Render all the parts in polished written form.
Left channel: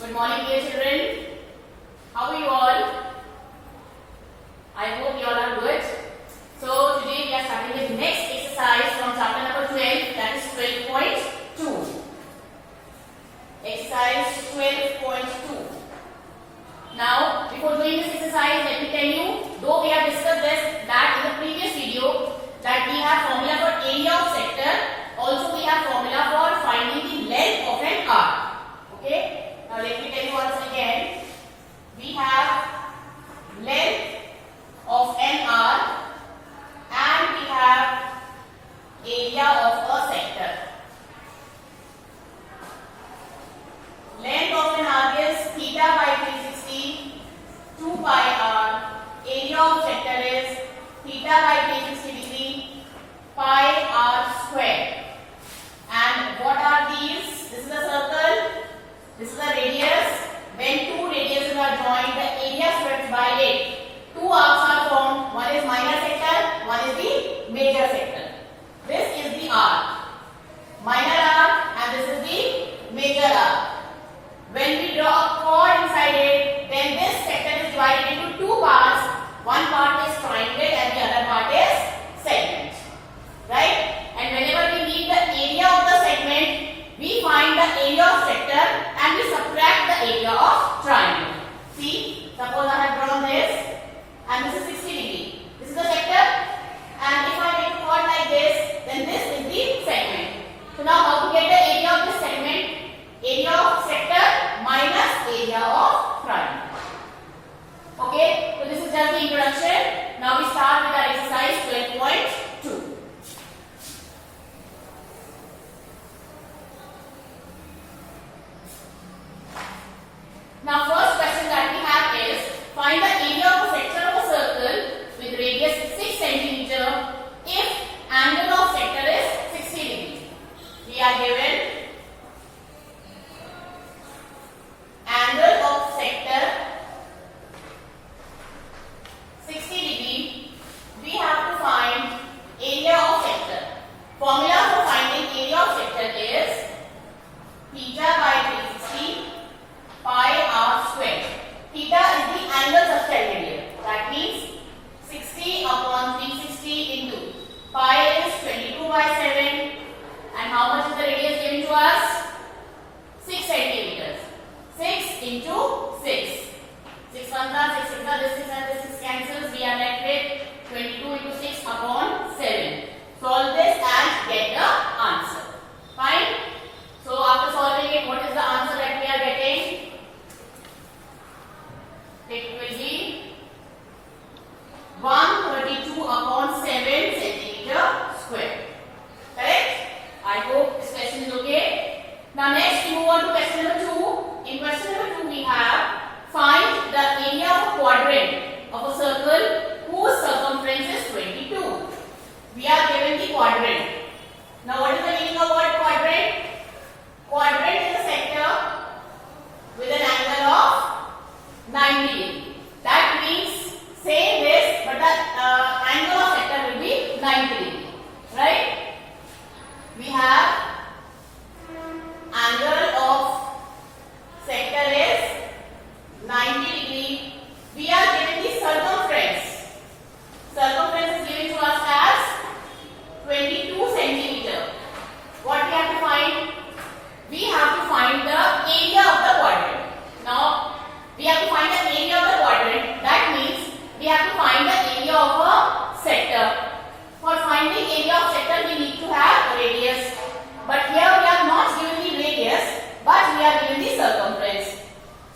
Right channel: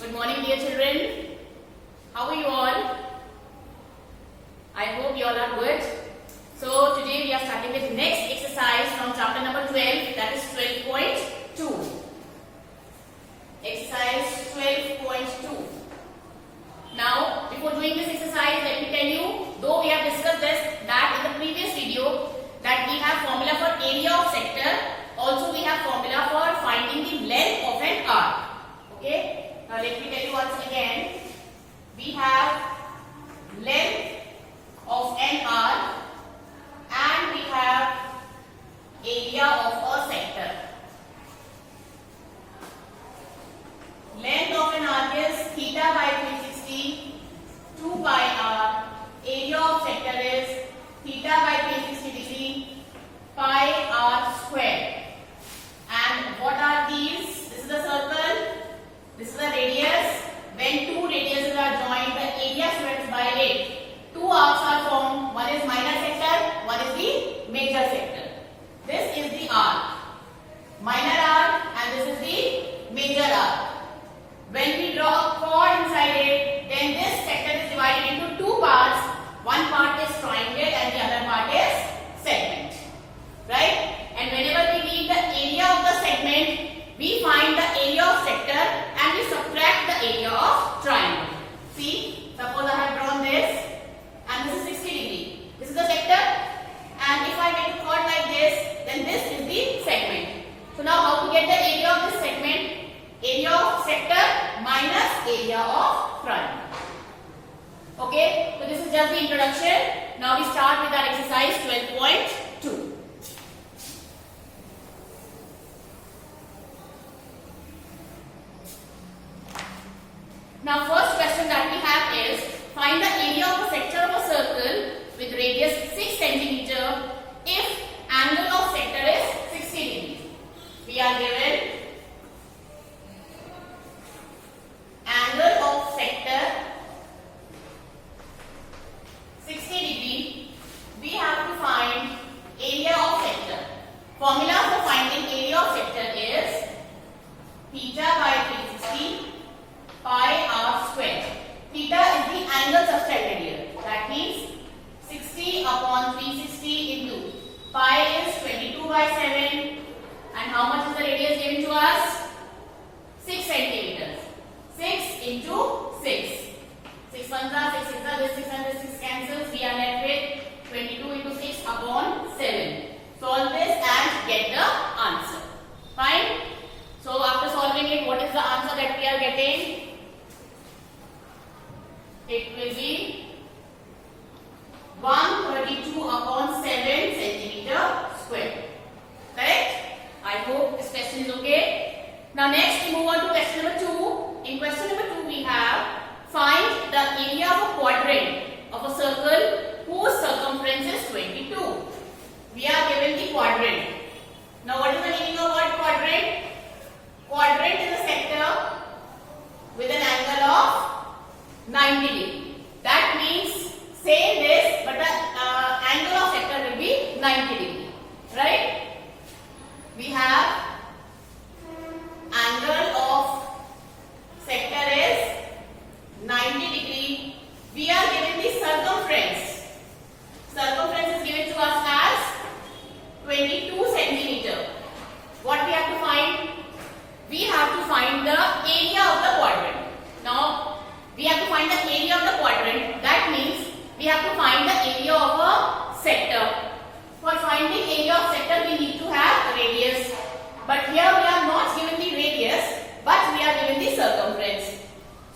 Good morning, dear children. How are you all? I hope you all are good. So today we are starting with next exercise from chapter number 12, that is 12.2. Exercise 12.2. Now, before doing this exercise, let me tell you, though we have discussed this that in the previous video, that we have formula for area of sector, also we have formula for finding the length of an arc. Okay? Now let me tell you once again. We have length of an arc and we have area of a sector. Length of an arc is theta by 360, 2 pi r. Area of sector is theta by 360 degree, pi r squared. And what are these? This is a circle. This is a radius. When two radiuses are joined, the area squared by 8. Two arcs are formed. One is minor sector, one is the major sector. This is the arc, minor arc, and this is the major arc. When we draw a chord inside it, then this sector is divided into two parts. One part is triangle and the other part is segment. Right? And whenever we need the area of the segment, we find the area of sector and we subtract the area of triangle. See, suppose I have drawn this and this is 60 degree. This is the sector, and if I make a chord like this, then this is the segment. So now how to get the area of this segment? Area of sector minus area of triangle. Okay, so this is just the introduction. Now we start with our exercise 12.2. Now first question that we have is, find the area of a sector of a circle with radius 6 cm if angle of sector is 60 degrees. We are given angle of sector 60 degree. We have to find area of sector. Formula for finding area of sector is theta by 360 pi r squared. Theta is the angle subtended here. That means 60 upon 360 into pi is 22 by 7. And how much is the radius given to us? 6 centimeters. 6 into 6. 6 ones are 6 6 are this 6 and this 6 cancels. We are left with 22 into 6 upon 7. Solve this and get the answer. Fine? So after solving it, what is the answer that we are getting? It will be 132 upon 7 centimeter square. Correct? I hope this question is okay. Now next we move on to question number 2. In question number 2 we have, find the area of a quadrant of a circle whose circumference is 22. We are given the quadrant. Now what is the meaning of word quadrant? Quadrant is a sector with an angle of 90 degree. That means same this, but the angle of sector will be 90 degree. Right? We have angle of sector is 90 degree. We are given the circumference. Circumference is given to us as 22 centimeter. What we have to find? We have to find the area of the quadrant. Now, we have to find the area of the quadrant. That means we have to find the area of a sector. For finding area of sector, we need to have radius. But here we are not given the radius, but we are given the circumference.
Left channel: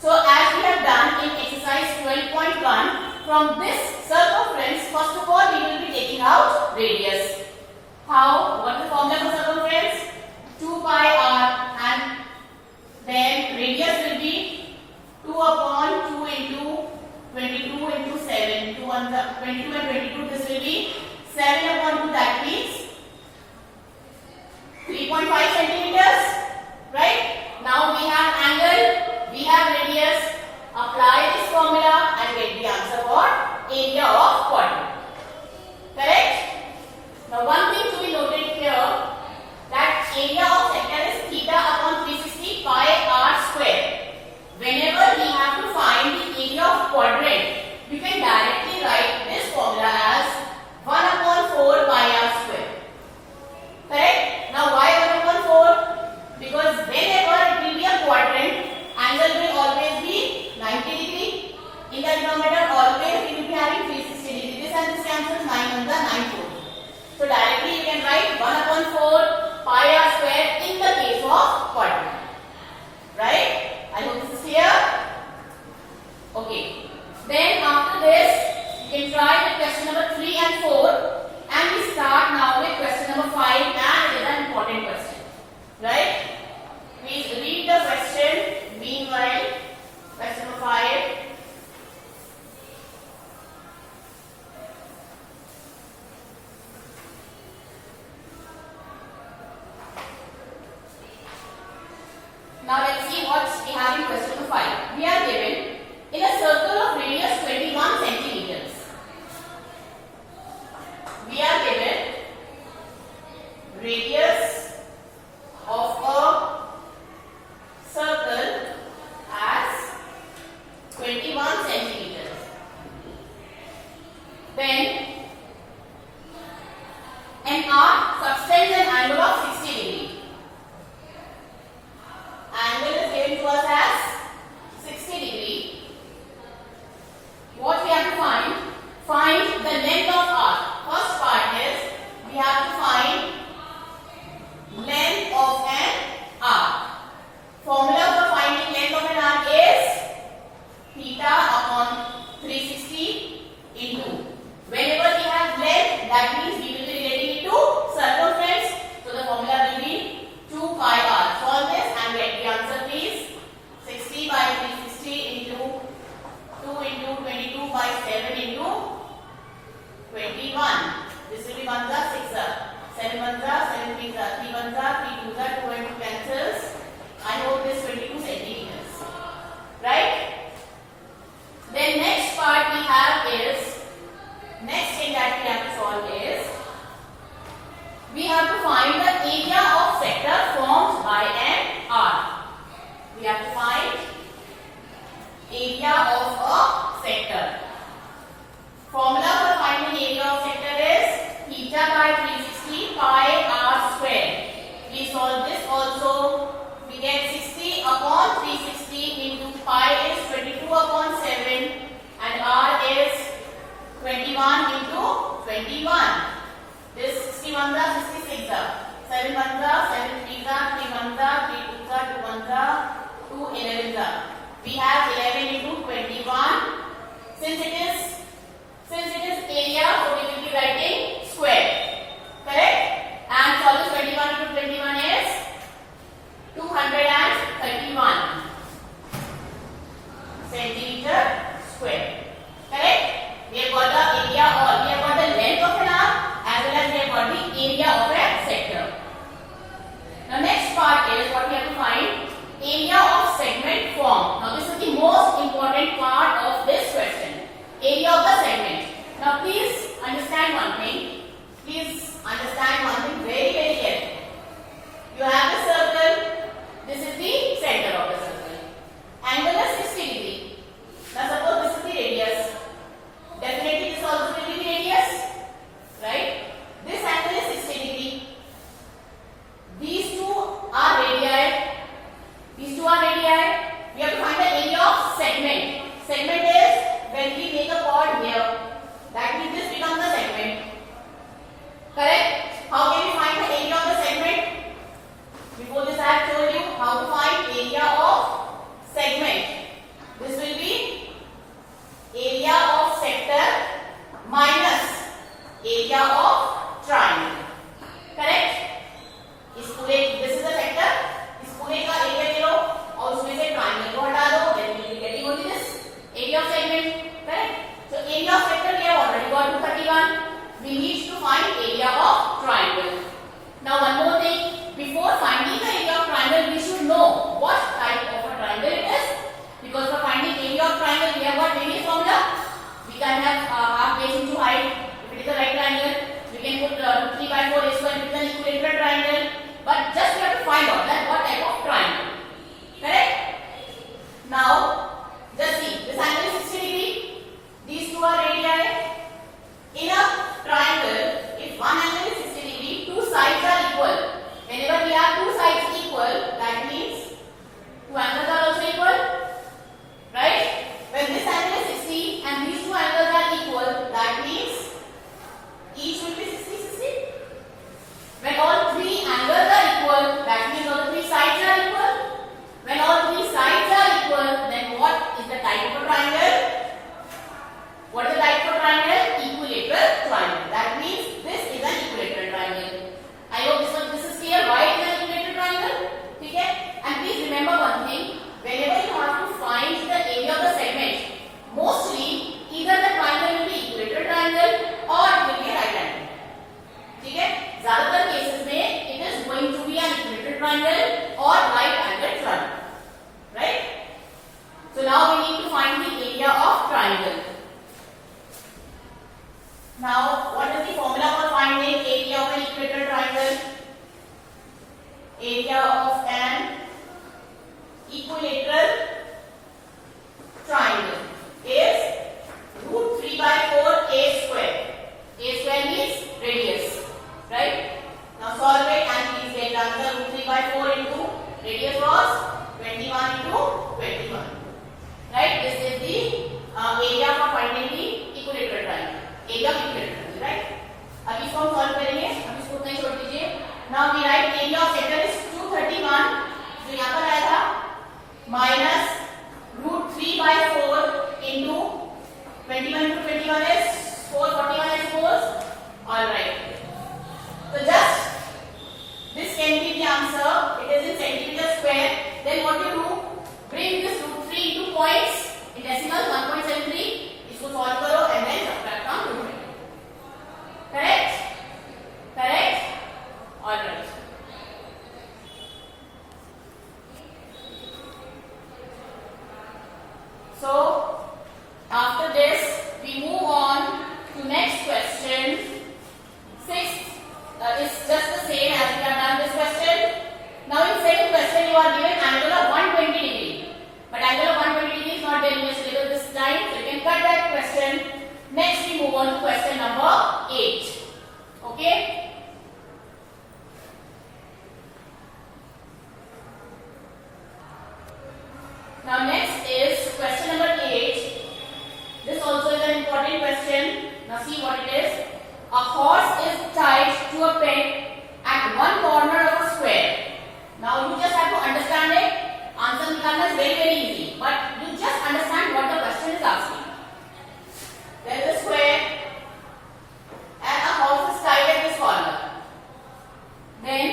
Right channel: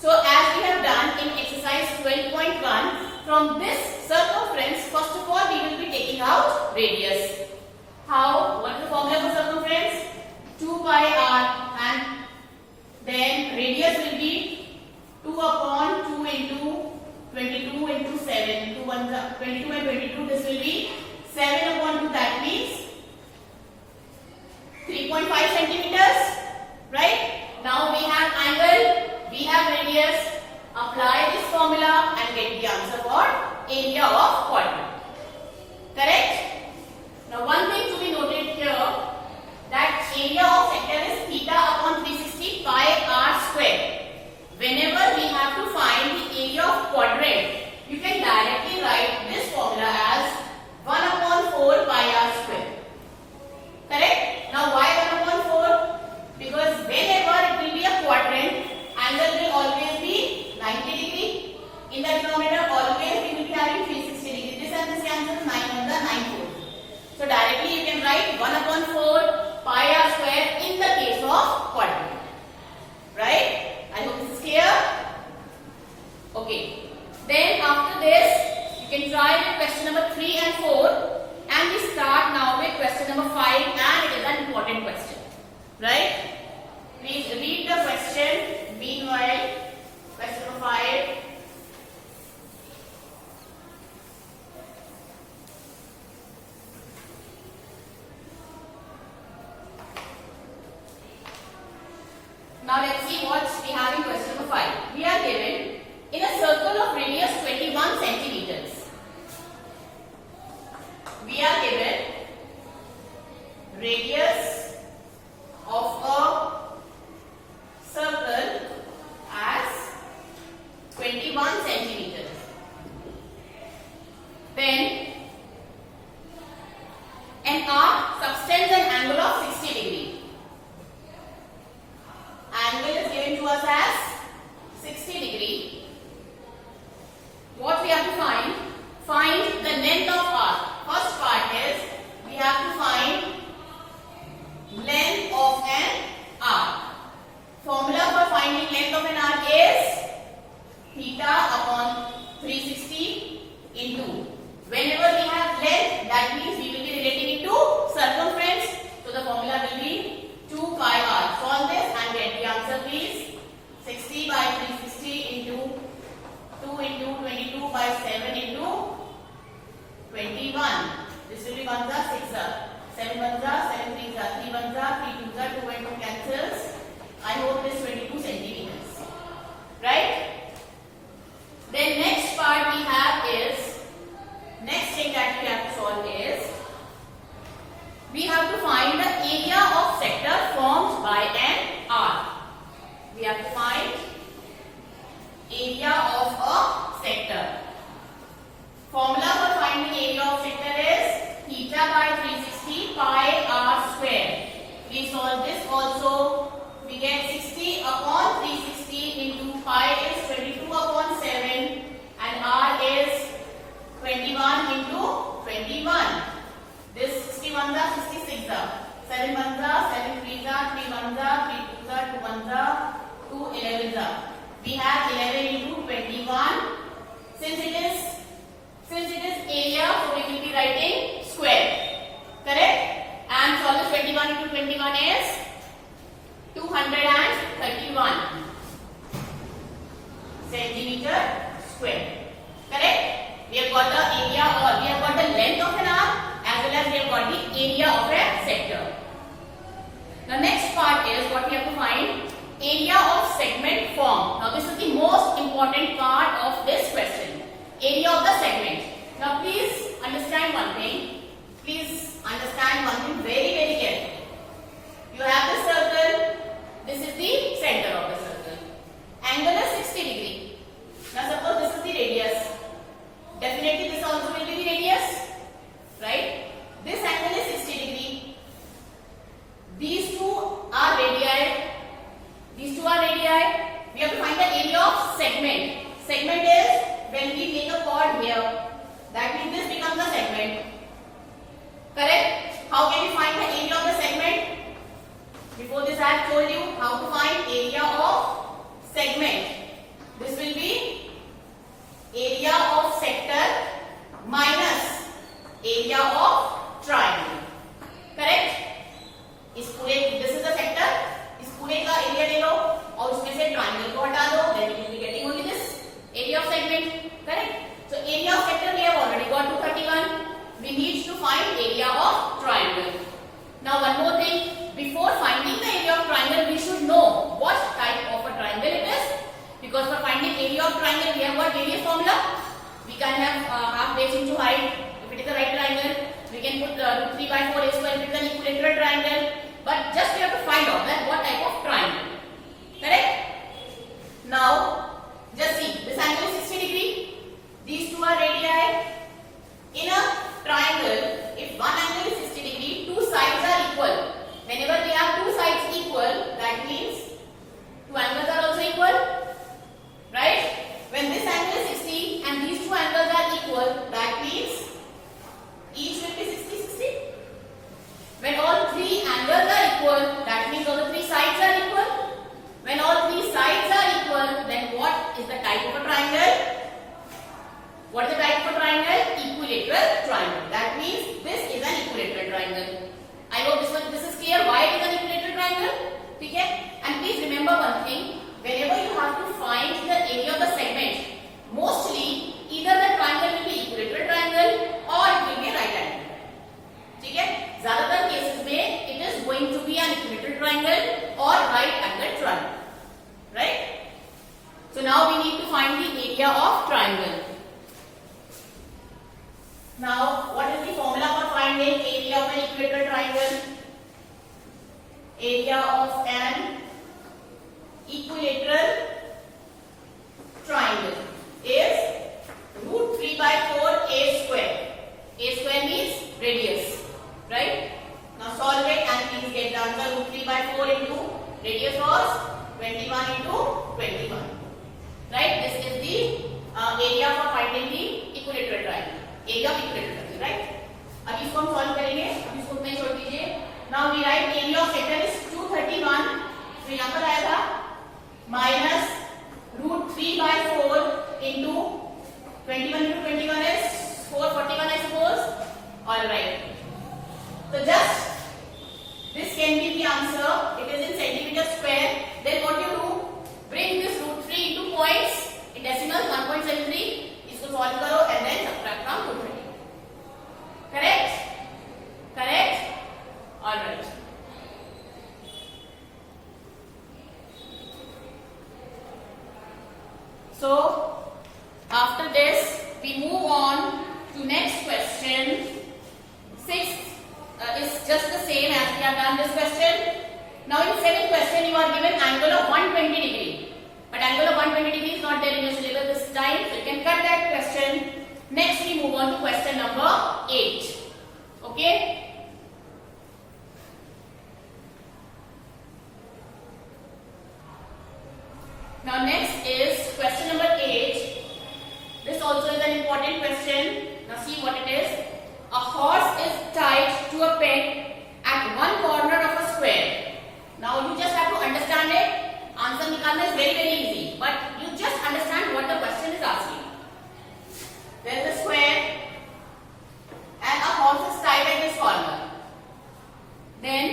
So as we have done in exercise 12.1, from this circumference, first of all we will be taking out radius. How? What is the formula for circumference? 2 pi r, and then radius will be 2 upon 2 upon 360 into pi is 22 upon 7 and r is 21 into 21. This 61 are 66 are 7 ones are 7 threes are 3 ones are 3 twos are 2 ones are 2 11s are. We have 11 into 21. Since it is area, so we will be writing square. Correct? And solve 21 into 21 is 231 centimeter square. Correct? We have got the area, or we have got the length of an arc, as well as we have got the area of a sector. The next part is what we have to find: area of segment formed. Now this is the most important part of this question. Area of the segment. Now please understand one thing. Please understand one thing very carefully. You have the circle. This is the center of the circle. Angle is 60 degree. Now suppose this is the radius. Definitely this also will be the radius. Right? This angle is 60 degree. These two are radii. These two are radii. We have to find the area of segment. Segment is when we make a chord here. That means this becomes a segment. Correct? How can we find the area of the segment? Before this I have told you how to find area of segment. This will be area of sector minus area of triangle. Correct? इस पूरे, this is the sector, इस पूरे का area ले लो और उसमें से triangle को हटा दो, then you will be getting only this area of segment. Correct? So area of sector we have already got 231. We need to find area of triangle. Now one more thing, before finding the area of triangle, we should know what type of a triangle it is. Because for finding area of triangle, we have got various formula. We can have half base into height. If it is a right triangle, we can put 3 by 4 is equal. If it is an equilateral triangle. But just we have to find out that what type of triangle. Correct? Now, just see. This angle is 60 degree. These two are radii. In a triangle, if one angle is 60 degree, two sides are equal. Whenever we have two sides equal, that means two angles are also equal. Right? When this angle is 60 and these two angles are equal, that means each will be 60, 60. When all three angles are equal, that means all the three sides are equal. When all three sides are equal, then what is the type of a triangle? What is the type of a triangle? Equilateral triangle. That means this is an equilateral triangle. I hope this is clear why it is an equilateral triangle. Okay? And please remember one thing. Whenever you have to find the area of the segment, mostly either the triangle will be equilateral triangle or it will be a right angle. ठीक है? ज़्यादातर cases में it is going to be an equilateral triangle or right angle triangle. Right? So now we need to find the area of triangle. Now, what is the formula for finding area of an equilateral triangle? Area of an equilateral triangle is root 3 by 4 a square. A square means radius. Right? Now solve it and please get the answer. Root 3 by 4 into radius was 21 into 21. Right? This is the area for finding the equilateral triangle. Area of equilateral triangle. Right? अब इसको हम solve करेंगे. अब इसको उतना ही छोड़ दीजिए. Now we write area of sector is 231. तो यहाँ पर आया था minus root 3 by 4 into 21 into 21 is 441 I suppose. Alright. So just this can be the answer. It is in centimeter square. Then what you do? Bring this root 3 into points in decimal 1.73. इसको solve करो and then subtract from 220. Correct? Correct? Alright. Now next is question number 8. This also is an important question. Now see what it is. A horse is tied to a peg at one corner of a square. Now you just have to understand it. Answer nikalna is very easy, but you just understand what the question is asking. There is a square and a horse is tied at this corner. Then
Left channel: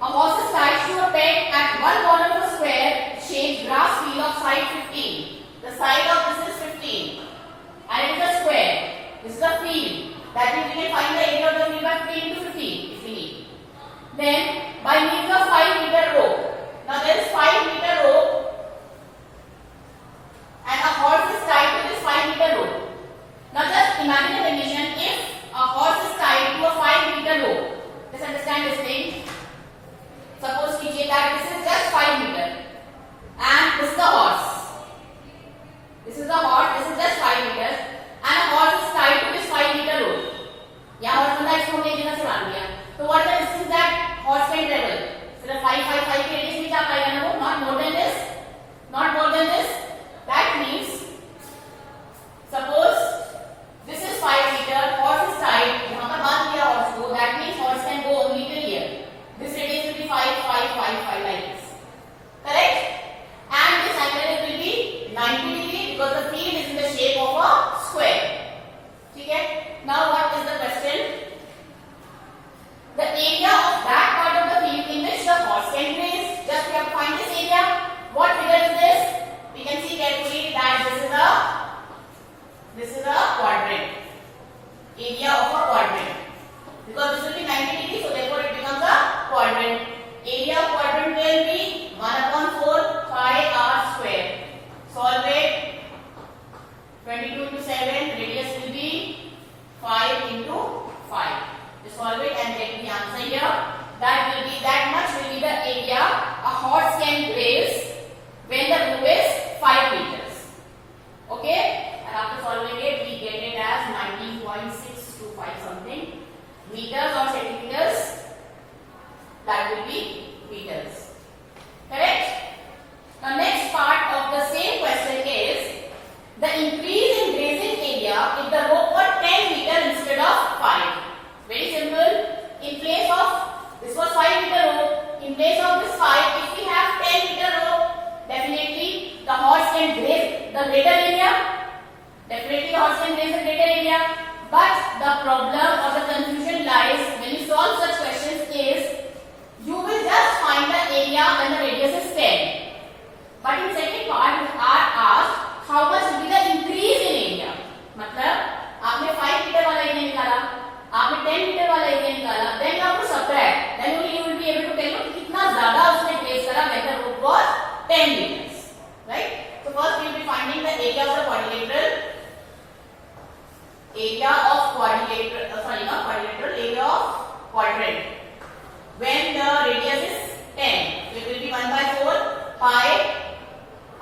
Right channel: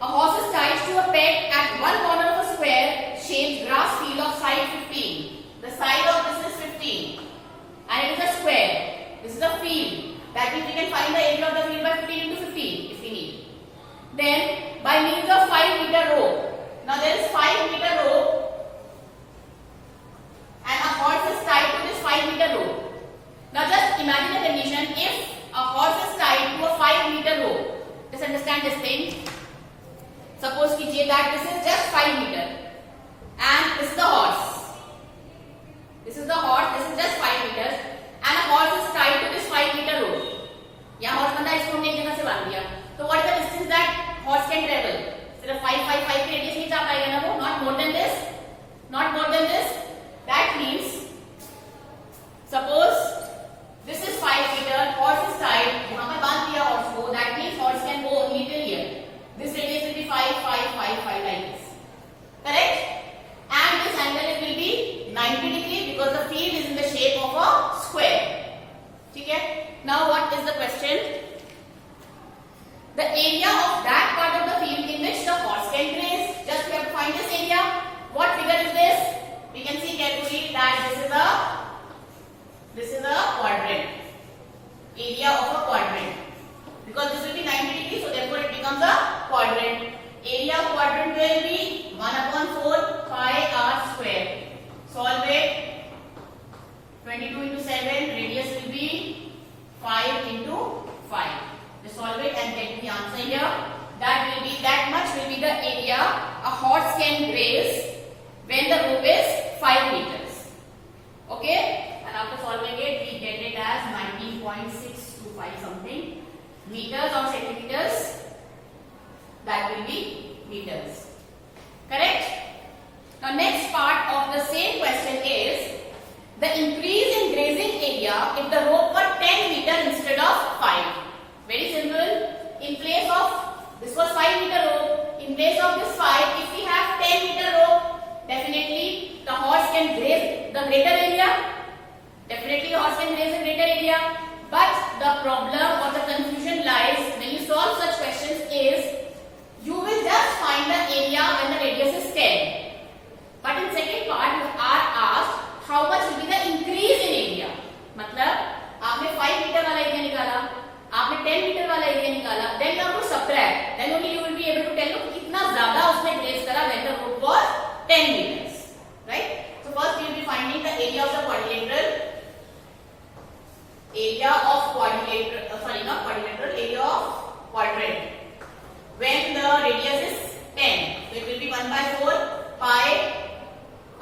a horse is tied to a peg at one corner of a square shaped grass field of side 15. The side of this is 15 and it is a square. This is the field. That means we can find the area of the field by 15 into 15 if we need. Then by means of 5-meter rope. Now there is 5-meter rope and a horse is tied to this 5-meter rope. Now just imagine a condition if a horse is tied to a 5-meter rope. Just understand this thing. Suppose कीजिए that this is just 5 meter and this is the horse. This is the horse. This is just 5 meters and a horse is tied to this 5-meter rope. यहाँ horse बंदा इसको हमने एक जगह से बांध दिया. So what is the distance that horse can travel? सिर्फ 5 की radius नहीं जा पाएगा ना वो. Not more than this. Not more than this. That means suppose this is 5 meter. Horse is tied. यहाँ पे बांध दिया horse को. That means horse can go only till here. This radius will be 5 like this. Correct? And this angle will be 90 degree because the field is in the shape of a square. Okay? Now what is the question? The area of that part of the field in which the horse can graze. Just we have to find this area. What figure is this? We can see carefully that this is a quadrant. Area of a quadrant. Because this will be 90 degrees, so therefore it becomes a quadrant. Area of quadrant will be 1/4 pi r square. Solve it. 22 into 7. Radius will be 5 into 5. Just solve it and get the answer here. That much will be the area a horse can graze when the loop is 5 meters. Okay? And after solving it, we get it as 19.625 something. Meters or centimeters, that will be meters. Correct? Now next part of the same question is the increase in grazing area if the rope were 10 meter instead of 5. Very simple. In place of this was 5-meter rope, in place of this 5, if we have 10-meter rope, definitely the horse can graze the greater area. Definitely the horse can graze the greater area. But the problem or the confusion lies when you solve such questions is you will just find the area when the radius is 10. But in second part you are asked how much will be the increase in area. मतलब आपने 5 meter वाला area निकाला, आपने 10 meter वाला area निकाला, then you have to subtract. Then only you will be able to tell you कितना ज़्यादा उसने graze करा when the rope was 10 meters. Right? So first we will be finding the area of the quadrilateral. Area of quadrilateral, area of quadrant. When the radius is 10, it will be 1/4 pi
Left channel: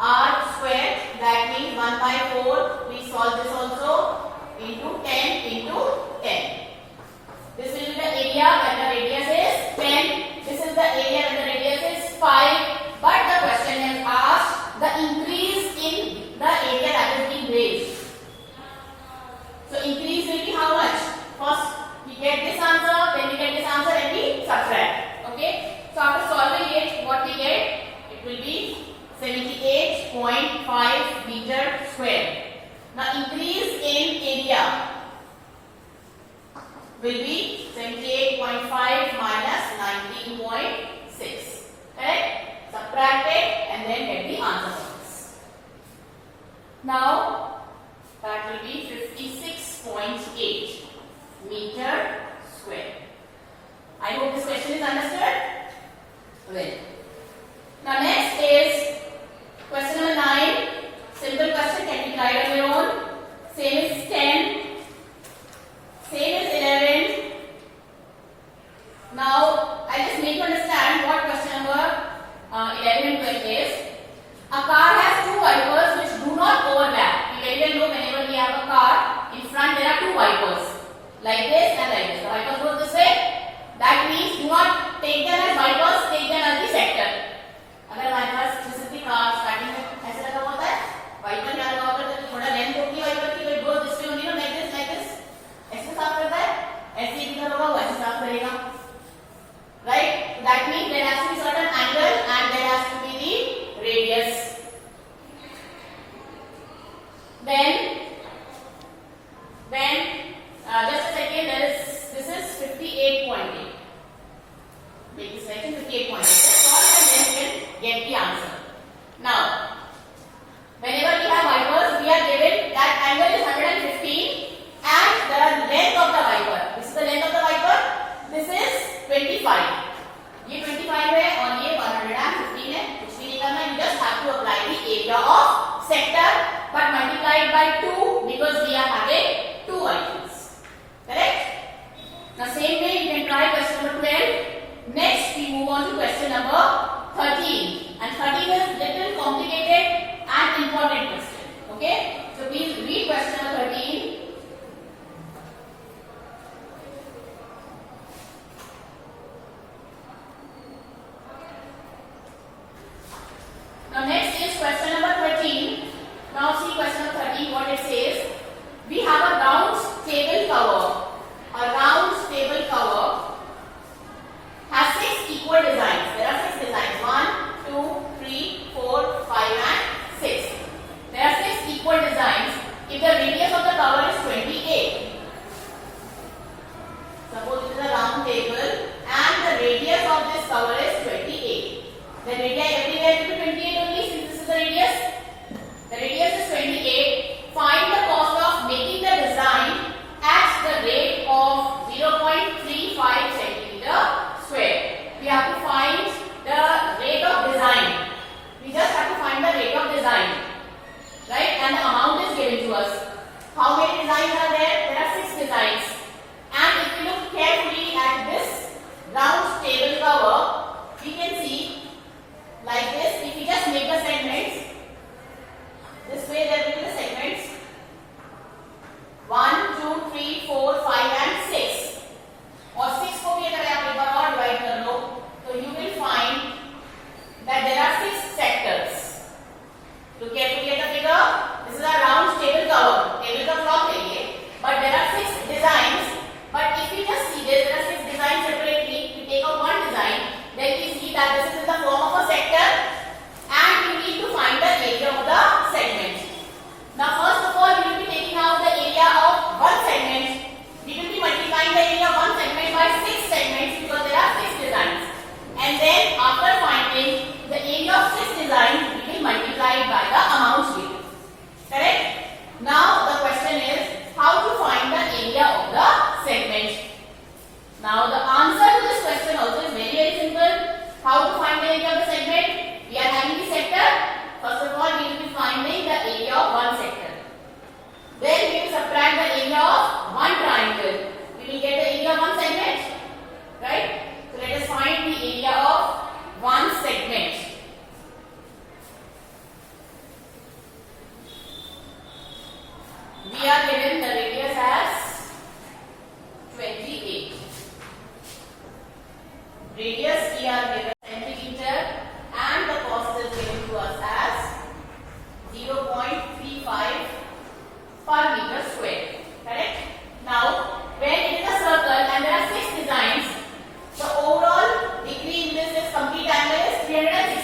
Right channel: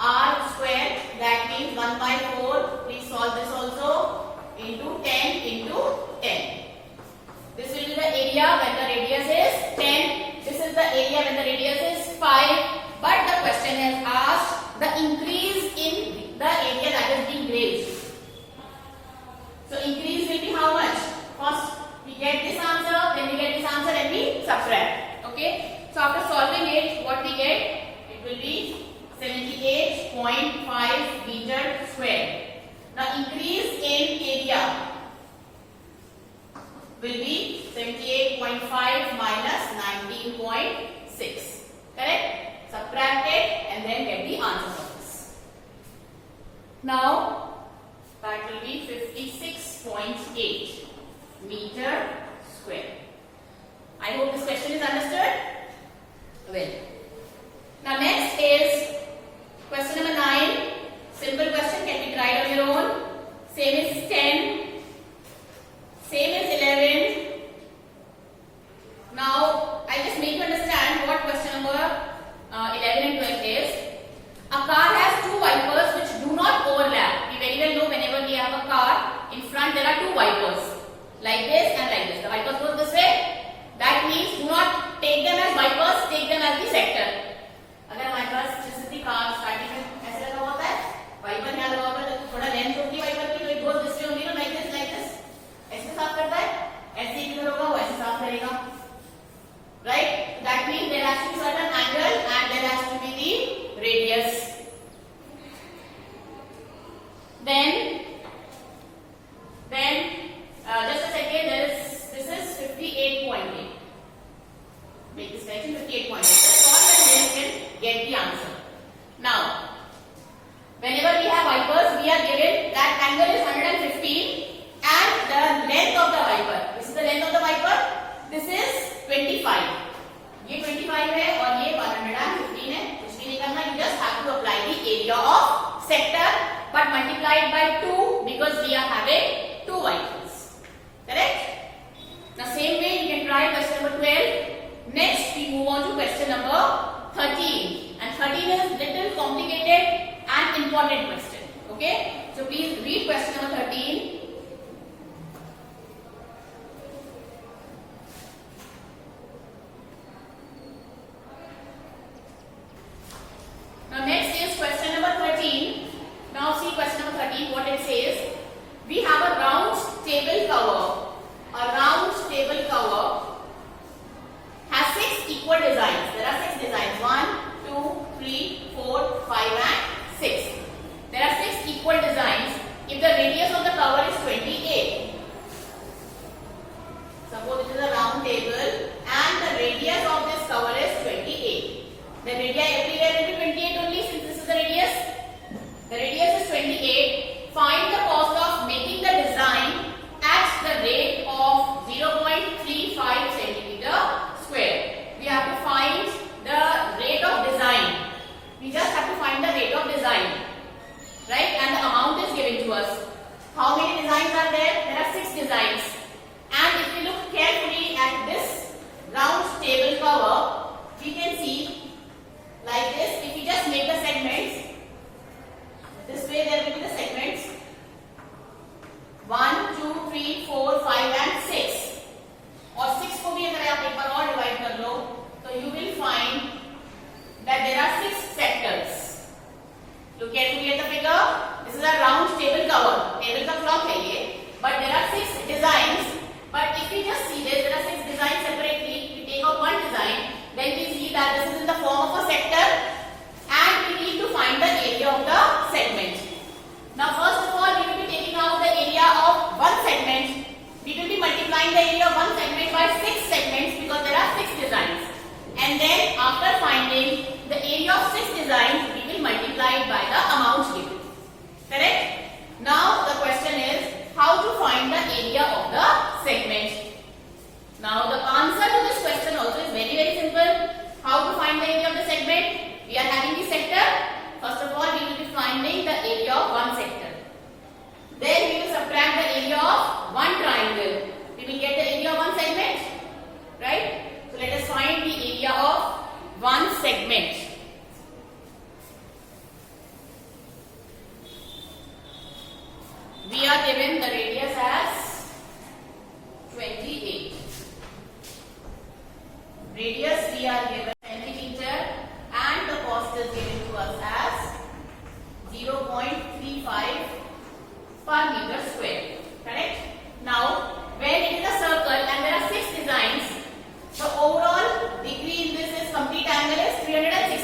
r square. That means 1/4. Please solve this also into 10 into 10. This will be the area when the radius is 10. This is the area when the radius is 5. But the question is asked the increase in the area that is being grazed. So increase will be how much? First we get this answer, then we get this answer and we subtract. Okay? So after solving it, what we get? It will be 78.5 meter square. Now increase in area will be 78.5 minus 19.6. Correct? Subtract it and then get the answer for this. Now that will be 56.8 meter square. I hope this question is understood. Well, now next is question number 9. Simple question, can be tried on your own. Same is 10. Same is 11. Now I just need to understand what question number 11 and 12 is. A car has two wipers which do not overlap. Now, whenever we have wipers, we are given that angle is 115 and the length of the wiper. This is the length of the wiper. This is 25. ये 25 है और ये 115 है. कुछ भी नहीं करना. You just have to apply the area of sector, but multiply it by 2 because we are having 2 wipers. Correct? Now same way you can try question number 12. Next we move on to question number 13. And 13 is little complicated and important question. Okay? So please read question number 13. Now next is question number 13. Now see question number 13 what it says. We have a round table cover. A round table cover has 6 equal designs. There are 6 designs. 1, 2, 3, 4, 5 and 6. There are 6 equal designs. If the radius of the cover is 28. Suppose this is a round table and the radius of this cover is 28. The radius everywhere will be 28 only since this is the radius. The radius is 28. Find the cost of making the design at the rate of 0.35 centimeter square. We have to find the rate of design. We just have to find the rate of design. Right? And the amount is given to us. How many designs are there? There are 6 designs. And if you look carefully at this round table cover, we can see like this. If you just make the segments, this way there will be the segments 1, 2, 3, 4, 5 and 6. और 6 को भी अगर आप एक बार और divide कर लो तो you will find that there are 6 sectors. Look carefully at the figure. This is a round table cover. Table का clock है ये. But there are 6 designs. But if you just see this, there are 6 designs separately. You take out one design, then we see that this is in the form of a sector, and we need to find the area of the segment. Now, first of all, we will be taking out the area of one segment. We will be multiplying the area of one segment by 6 segments because there are 6 designs. And then, after finding the area of 6 designs, we will multiply it by the amount given. Correct? Now, the question is how to find the area of the segment. Now, the answer to this question also is very, very simple. How to find the area of the segment? We are having the sector. First of all, we will be finding the area of one sector. Then we will subtract the area of one triangle. We will get the area of one segment. Right? So let us find the area of one segment. We are given the radius as 28. Radius we are given centimeter and the cost is given to us as 0.35 per meter square. Correct? Now, when it is a circle and there are 6 designs, the overall degree in this is complete angle is 360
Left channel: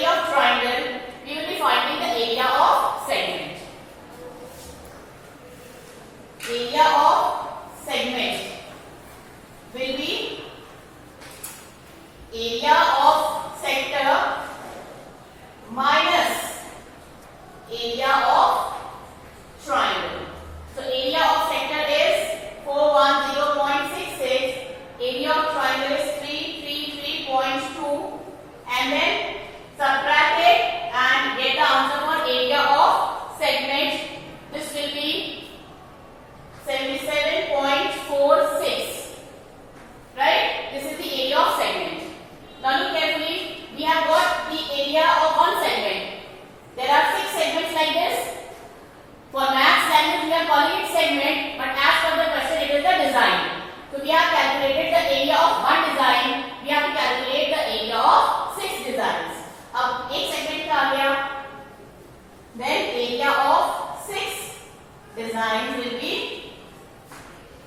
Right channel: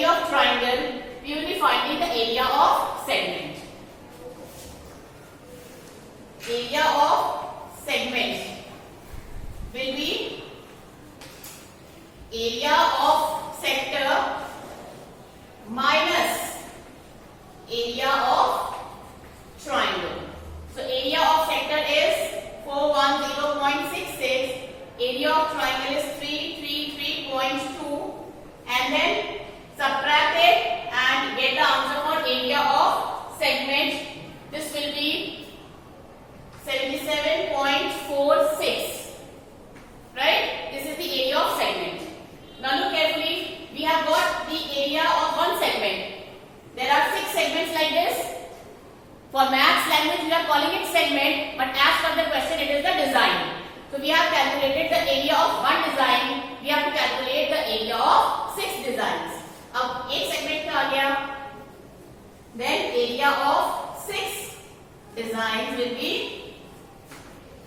area of triangle, we will be finding the area of segment. Area of segment will be area of sector minus area of triangle. So area of sector is 410.66, area of triangle is 333.2, and then subtract it and get the answer for area of segment. This will be 77.46. Right? This is the area of segment. Now look carefully. We have got the area of one segment. There are 6 segments like this. For maths language, we are calling it segment, but as per the question, it is the design. So we have calculated the area of one design. We have to calculate the area of 6 designs. अब एक segment का आ गया. Then area of 6 designs will be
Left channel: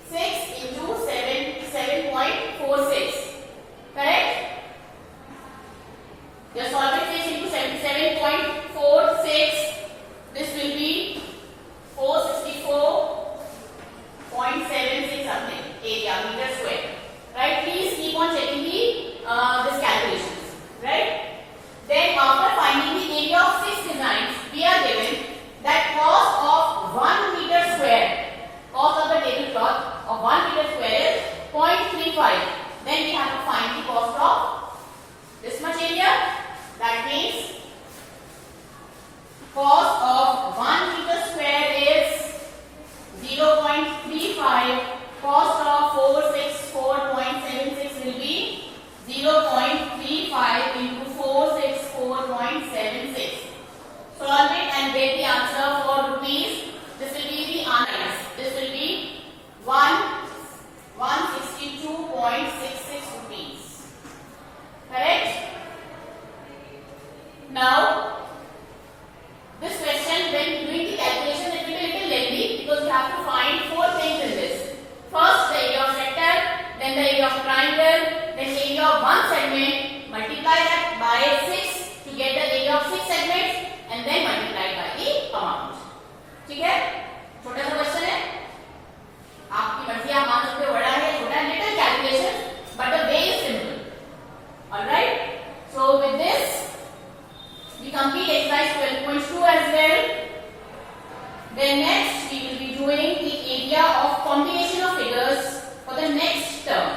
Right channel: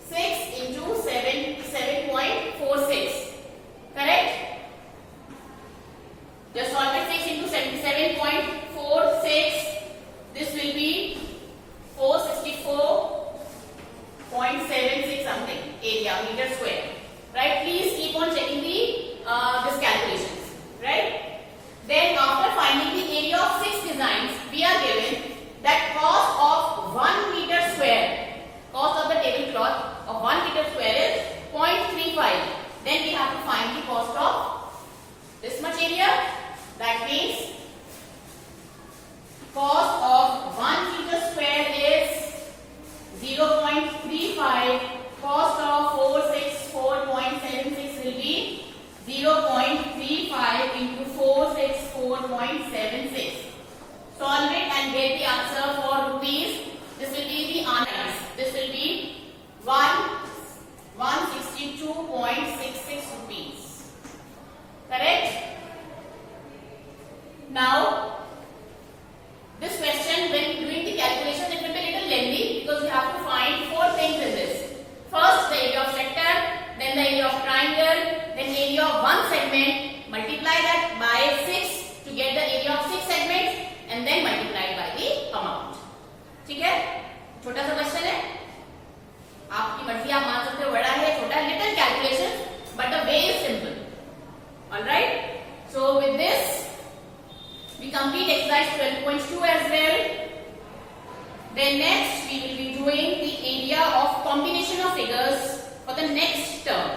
6 into 7.46. Correct? Just solve it. 6 into 77.46. This will be 464.76 something area meter square. Right? Please keep on checking the this calculations. Right? Then after finding the area of 6 designs, we are given that cost of 1 meter square. Cost of the tablecloth of 1 meter square is 0.35. Then we have to find the cost of this much area. That means cost of 1 meter square is 0.35. Cost of 464.76 will be 0.35 into 464.76. Solve it and get the answer for rupees. This will be the answer. This will be 162.66 rupees. Correct? Now, this question, when doing the calculation, it will be a little lengthy because you have to find 4 things in this. First, the area of sector, then the area of triangle, then area of one segment. Multiply that by 6 to get the area of 6 segments, and then multiply by the amount. ठीक है? छोटा सा question है. आपकी मर्जी, आप मान सकते हो बड़ा है, छोटा है, little calculation, but the way is simple. All right? So with this, we complete exercise 12.2 as well. Then next we will be doing the area of combination of figures for the next term.